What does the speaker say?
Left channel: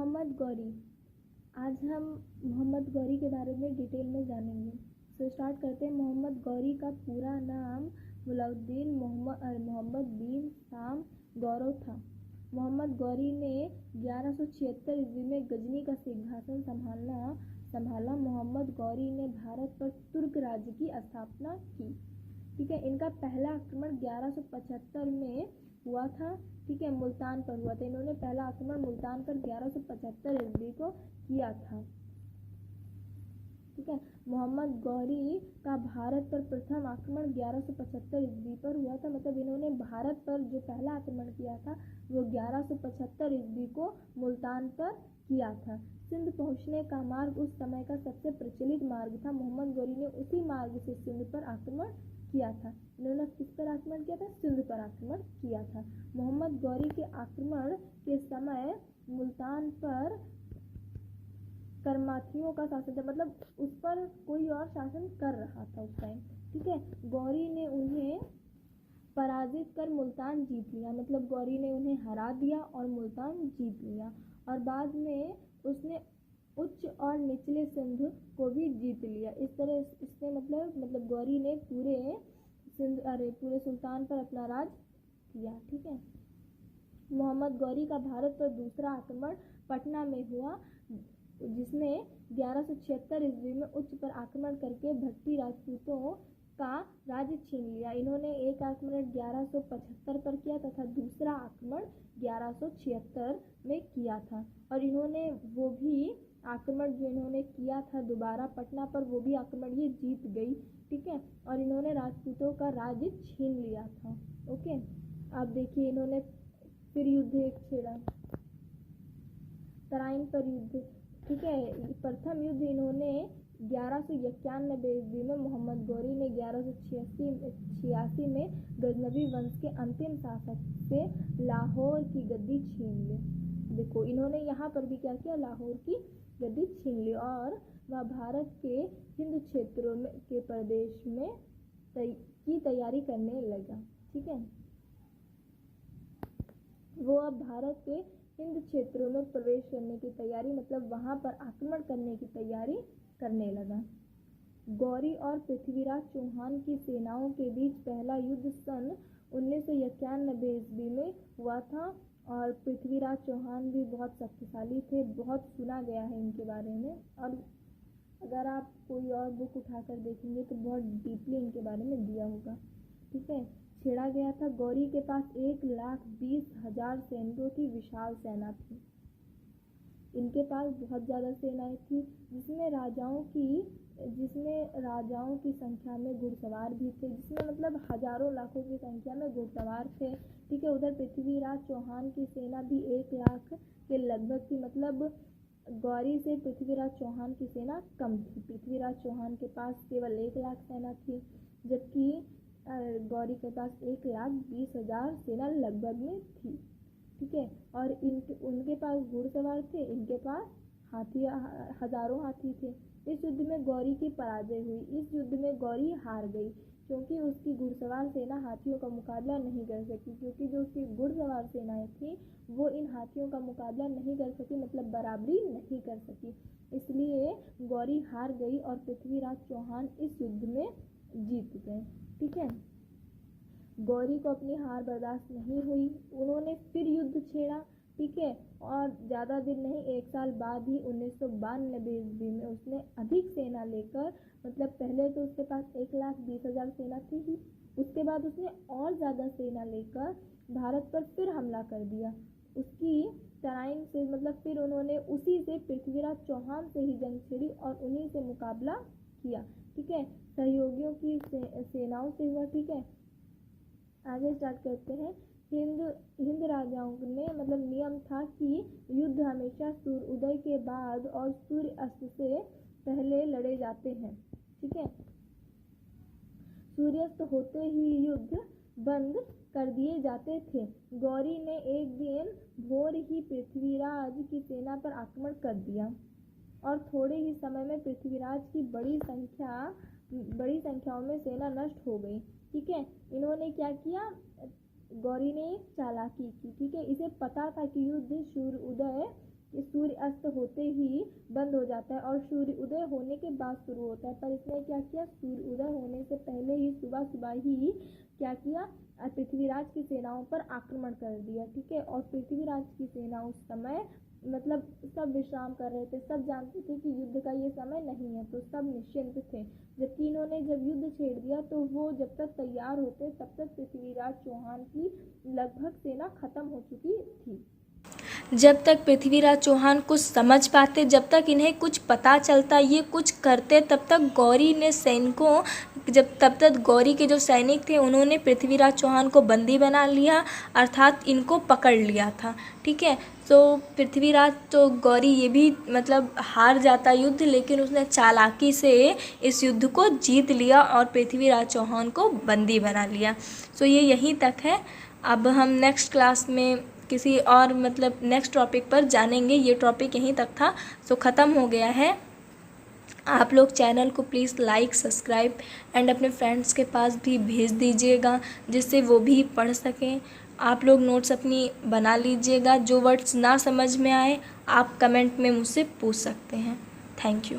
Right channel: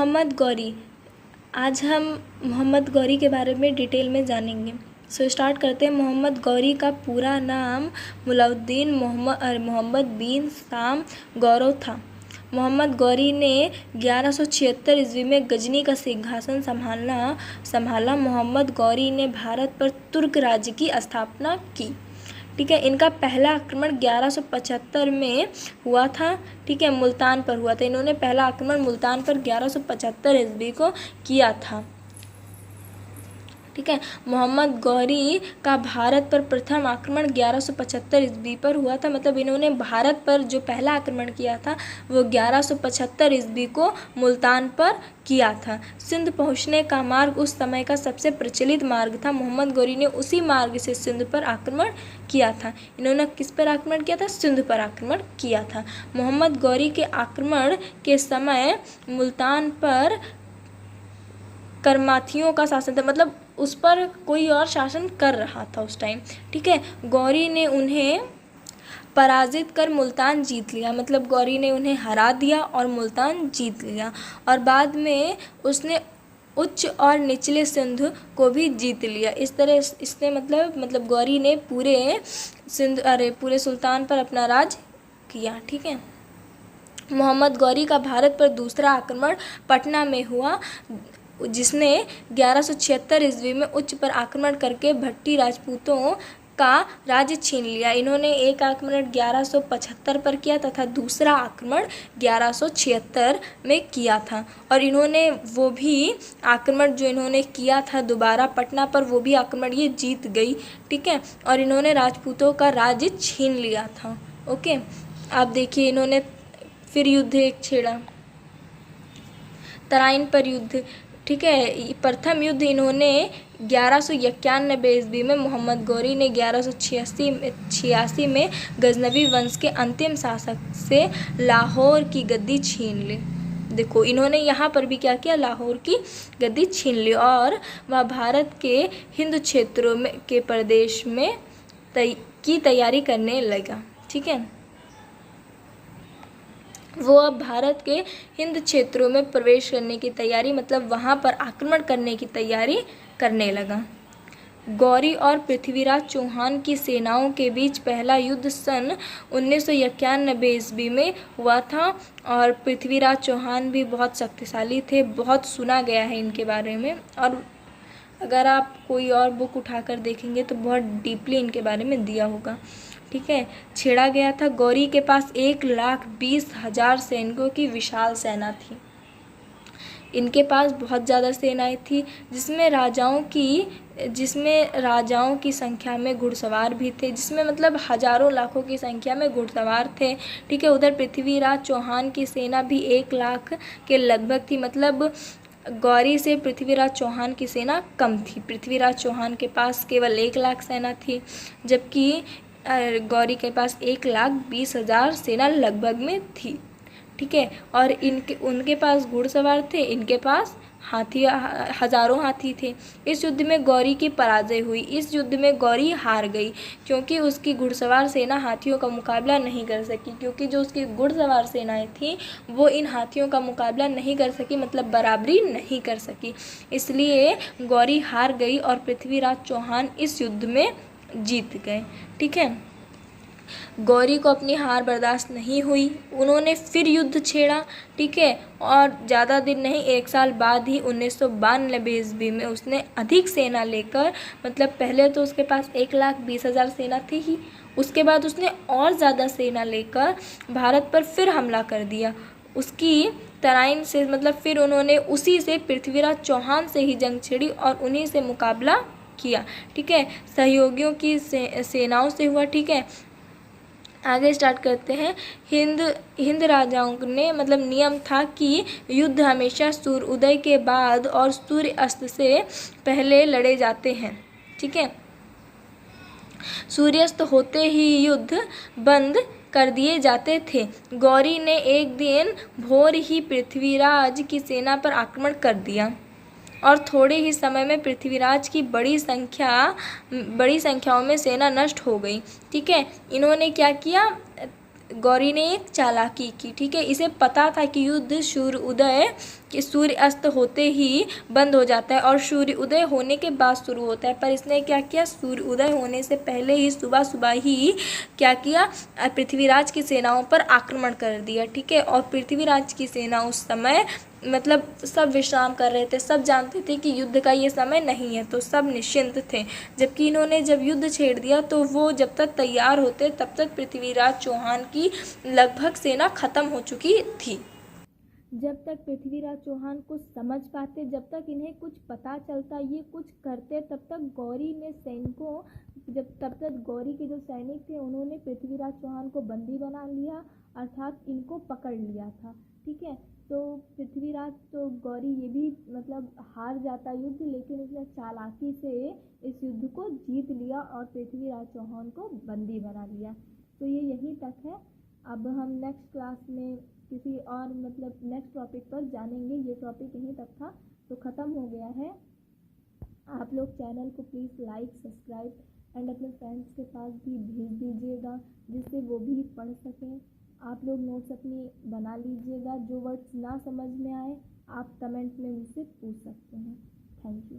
मोहम्मद गौरी। आज हम मोहम्मद गौरी के बारे में डिटेल में जानेंगे। स्टार्ट करते हैं। मोहम्मद गौरी का पूरा नाम मुलाउद्दीन मोहम्मद बिन शाम गौरव था। मोहम्मद गौरी ने 1176 ईस्वी में गजनी का सिंहासन संभाला। मोहम्मद गौरी ने भारत पर तुर्क राज्य की स्थापना की। ठीक है, इनका पहला आक्रमण 1175 में हुआ था। ठीक है, मुल्तान पर हुआ था। इन्होंने पहला आक्रमण मुल्तान पर 1175 ईस्वी को किया था। ठीक है, मोहम्मद गौरी का भारत पर प्रथम आक्रमण 1175 ईस्वी पर हुआ था। मतलब इन्होंने भारत पर जो पहला आक्रमण किया था वो 1175 ईस्वी को मुल्तान पर किया था। सिंध पहुंचने का मार्ग उस समय का सबसे प्रचलित मार्ग था। मोहम्मद गौरी ने उसी मार्ग से सिंध पर आक्रमण किया था। इन्होंने किस पर आक्रमण किया था? सिंध पर आक्रमण किया था। मोहम्मद गौरी के आक्रमण के समय मुल्तान पर करमाथियों का शासन था। मतलब उस पर कोई और शासन कर रहा था उस टाइम। ठीक है, गौरी ने उन्हें पराजित कर मुल्तान जीत लिया। मतलब गौरी ने उन्हें हरा दिया और मुल्तान जीत लिया। और बाद में उसने उच्च और निचले सिंध को भी जीत लिया। इस तरह इसने मतलब गौरी ने पूरे सुल्तान पर अपना राज किया। ठीक है, मोहम्मद गौरी का भारत पर दूसरा आक्रमण पटना में हुआ, जिसने 1176 ईस्वी में उच्च पर आक्रमण करके भट्टी राजपूतों का राज्य छीन लिया। इन्होंने एक आक्रमण 1175 पर किया तथा दूसरा आक्रमण 1176 में किया था। और इन्होंने वो भी आक्रमण जो इन्होंने किया था दोबारा पटना पर, वो भी आक्रमण ये जीत गई। ठीक है, और इन्होंने राजपूतों का राज्य छीन लिया था। ओके, आप देखिए इन्होंने फिर युद्ध एक छेड़ा, तराइन पर युद्ध। ठीक है, प्रथम युद्ध इन्होंने 1191 ईस्वी में, मोहम्मद गौरी ने 1186 में गजनवी वंश के अंतिम शासक से लाहौर की गद्दी छीन ली। देखो इन्होंने यहाँ पर भी क्या किया? लाहौर की गद्दी छीन ली और वह भारत के हिंद क्षेत्रों में के प्रदेश में की तैयारी करने लगा। ठीक है, वो अब भारत के हिंद क्षेत्रों में प्रवेश करने की तैयारी, मतलब वहाँ पर आक्रमण करने की तैयारी करने लगा। गौरी और पृथ्वीराज चौहान की सेनाओं के बीच पहला युद्ध सन 1991 ईस्वी में हुआ था। और पृथ्वीराज चौहान भी बहुत शक्तिशाली थे, बहुत सुना गया है इनके बारे में। और अगर आप कोई और बुक उठाकर देखेंगे तो बहुत डीपली इनके बारे में दिया होगा। ठीक है, छेड़ा गया था। गौरी के पास 1,20,000 सैनिकों की विशाल सेना थी। इनके पास बहुत ज़्यादा सेनाएं थी, जिसमें राजाओं की संख्या में घुड़सवार भी थे, जिसमें मतलब हजारों लाखों की संख्या में घुड़सवार थे। ठीक है, उधर पृथ्वीराज चौहान की सेना भी 1 लाख के लगभग थी। मतलब गौरी से पृथ्वीराज चौहान की सेना कम थी। पृथ्वीराज चौहान के पास केवल 1 लाख सेना थी, जबकि गौरी के पास 1,20,000 सेना लगभग में थी। ठीक है, और उनके पास घुड़सवार थे, इनके पास हजारों हाथी थे। इस युद्ध में गौरी की पराजय हुई। इस युद्ध में गौरी हार गई क्योंकि उसकी घुड़सवार सेना हाथियों का मुकाबला नहीं कर सकी। क्योंकि जो उसकी घुड़सवार सेनाएं थी वो इन हाथियों का मुकाबला नहीं कर सकी, मतलब बराबरी नहीं कर सकी। इसलिए गौरी हार गई और पृथ्वीराज चौहान इस युद्ध में जीत गए। ठीक है, गौरी को अपनी हार बर्दाश्त नहीं हुई, उन्होंने फिर युद्ध छेड़ा। ठीक है, और ज़्यादा दिन नहीं, 1 साल बाद ही 1992 ईस्वी में उसने अधिक सेना लेकर, मतलब पहले तो उसके पास 1,20,000 सेना थी ही, उसके बाद उसने और ज़्यादा सेना लेकर भारत पर फिर हमला कर दिया। उसकी तराइन से, मतलब फिर उन्होंने उसी से, पृथ्वीराज चौहान से ही जंग छेड़ी और उन्हीं से मुकाबला किया। ठीक है, सहयोगियों की सेनाओं से हुआ। ठीक है, आगे स्टार्ट करते हैं। हिंद राजाओं ने, मतलब नियम था कि युद्ध हमेशा सूर्योदय के बाद और सूर्य अस्त से पहले लड़े जाते हैं। ठीक है, सूर्यास्त होते ही युद्ध बंद कर दिए जाते थे। गौरी ने एक दिन भोर ही पृथ्वीराज की सेना पर आक्रमण कर दिया और थोड़े ही समय में पृथ्वीराज की बड़ी संख्याओं में सेना नष्ट हो गई। ठीक है, इन्होंने क्या किया? गौरी ने एक चालाकी की, ठीक है। इसे पता था कि युद्ध सूर्य अस्त होते ही बंद हो जाता है और सूर्य उदय होने के बाद शुरू होता है, पर इसने क्या किया, सूर्य उदय होने से पहले ही सुबह सुबह ही क्या किया, पृथ्वीराज की सेनाओं पर आक्रमण कर दिया, ठीक है। और पृथ्वीराज की सेना उस समय मतलब सब विश्राम कर रहे थे, सब जानते थे कि युद्ध का ये समय नहीं है, तो सब निश्चिंत थे। जबकि इन्होंने जब युद्ध छेड़ दिया तो वो जब तक तैयार होते तब तक पृथ्वीराज चौहान की लगभग सेना खत्म हो चुकी थी। जब तक पृथ्वीराज चौहान कुछ समझ पाते, जब तक इन्हें कुछ पता चलता, ये कुछ करते, तब तक तब तक गौरी के जो सैनिक थे उन्होंने पृथ्वीराज चौहान को बंदी बना लिया, अर्थात इनको पकड़ लिया था, ठीक है। तो पृथ्वीराज तो गौरी ये भी मतलब हार जाता युद्ध, लेकिन उसने चालाकी से इस युद्ध को जीत लिया और पृथ्वीराज चौहान को बंदी बना लिया। सो ये यहीं तक है। अब हम नेक्स्ट क्लास में किसी और मतलब नेक्स्ट टॉपिक पर जानेंगे। ये टॉपिक यहीं तक था, सो ख़त्म हो गया है। आप लोग चैनल को प्लीज़ लाइक, सब्सक्राइब एंड अपने फ्रेंड्स के पास भी भेज दीजिएगा, जिससे वो भी पढ़ सकें। आप लोग नोट्स अपनी बना लीजिएगा। जो वर्ड्स ना समझ में आए आप कमेंट में मुझसे पूछ सकते हैं। Thank you.